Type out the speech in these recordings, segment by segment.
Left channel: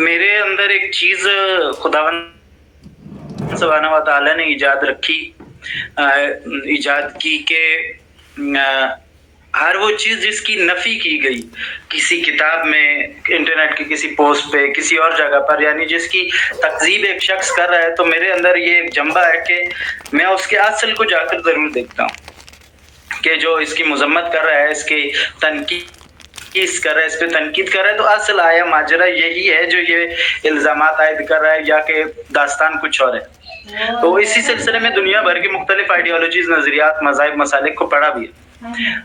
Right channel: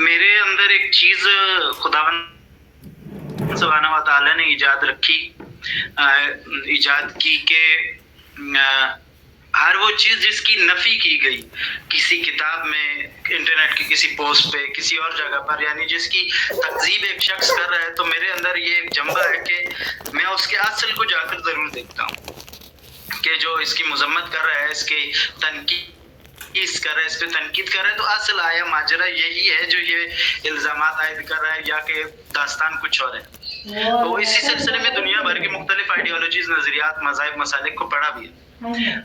मेरे अंदर एक चीज खुदावंद सुब्हानहू व तआला ने इजाद की कि हर वो चीज जिसकी नफी की गई किसी किताब में, इंटरनेट की किसी पोस्ट पे, किसी और जगह पर, यानी जिसकी तकजीब एक शख्स कर रहा है, तो मेरे अंदर ये एक जम्बा है कि मैं उसके असल को जाकर जरूर देखता हूँ कि जो इसकी मजम्मत कर रहा है, इसकी तनकीद कर रहा है, इस पे तनकीद कर रहा है, तो असल आया माजरा यही है जो ये इल्जामात आयद कर रहा है, या कि दास्तान कुछ और है। तो इसी सिलसिले में दुनिया भर की मुख्तलिफ आइडियोलॉजीज, नजरियात, मज़ाहिब, मसालिक को पढ़ा भी है।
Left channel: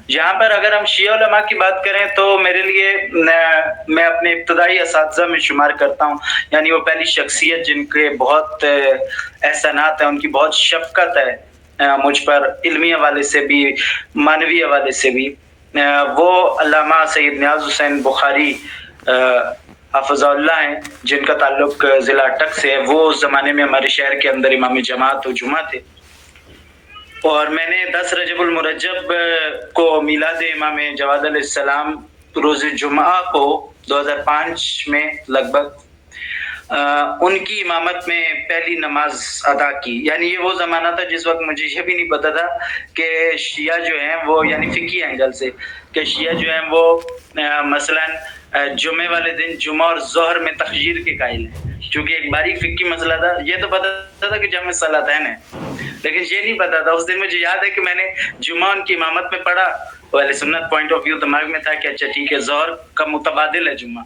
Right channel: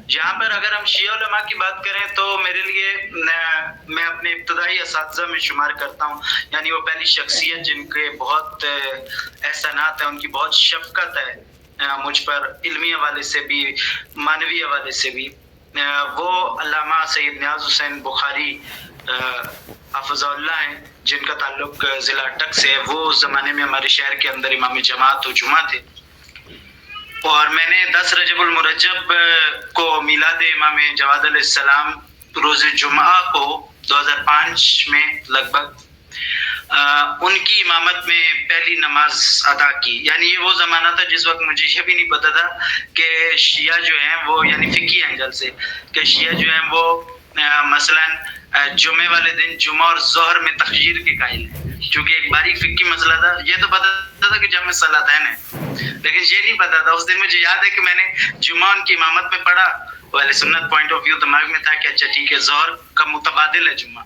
यहाँ पर अगर हम शिया उलमा की बात करें तो मेरे लिए मैं अपने इब्तदाई असातिज़ा में शुमार करता हूँ, यानी वो पहली शख्सियत जिनके बहुत एहसानात हैं, उनकी बहुत शफकत है मुझ पर, इल्मी हवाले से भी, मानवी हवाले से भी। वो अल्लामा सैयद नियाज़ हुसैन बुखारी हफ़िज़हुल्लाह हैं, जिनका ताल्लुक ज़िला अटक से है। वो उस ज़माने में हमारे शहर के अंदर इमाम जमात व जुमा थे, और मैंने 10 रजबुल मुरज्जब को मिलाद इमाम जवाद अलैहिस्सलाम रोज़ जुमा को 2005 में लगभग उनकी इमामत में पहली नमाज अदा की। यानी ये वो ज़माना था जिस वक्त मुझे ये भी नहीं पता था कि शिया जो हैं वो, यानी फ़िकी एंगल से, कि शिया जो हैं वो मसलन जुमे वाले दिन जुमा और ज़ोहर में तखजीर के कायल हैं, चूँकि एक बारीक फ़िकी मसला था। ये तो पता था कि जमे सलातैन है, लेकिन ये नहीं पता था। उस दिन मुझे याद है कि मैंने जुमा उनकी इमामत में पढ़ा, वाले सुन्नत पॉइंट ऑफ व्यू दिमाग में था कि अच्छा ठीक है, ज़ोहर का मुतबादिल है जुमा।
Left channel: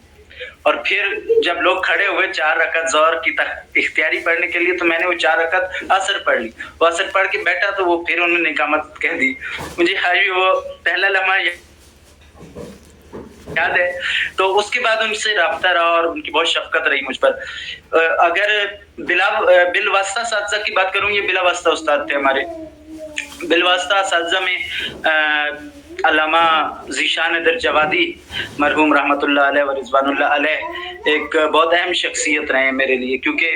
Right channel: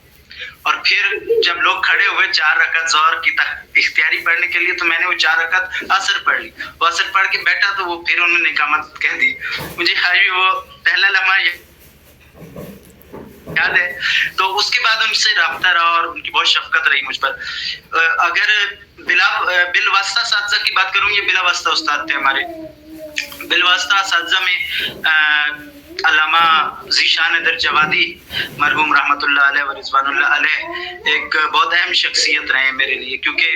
और फिर जब लोग खड़े हुए 4 रकत ज़ोहर की इख्तियारी पढ़ने के लिए, तो मैंने वो 4 रकत असर पढ़ ली। वो असर पढ़ के बैठा तो वो फिर उन्होंने इकामत कह दी। मुझे हाजी वो पहला लम्हा याद है। तो उसके बाद उनसे राब्ता रहा और उनकी बहुत शफकत रही मुझ पर। अगर बिलवास्ता असातिज़ा की बात करूँ, ये बिलावास्ता उस्ताद थे हमारे। बिलवास्ता असातिज़ा में अल्लामा ज़ीशान दर जवादी मरहूम रहमतुल्लाह अलैह व रिज़वानुल्लाह अलैह एक बहुत अहम शख्सियत रहे हैं मेरे लिए, क्योंकि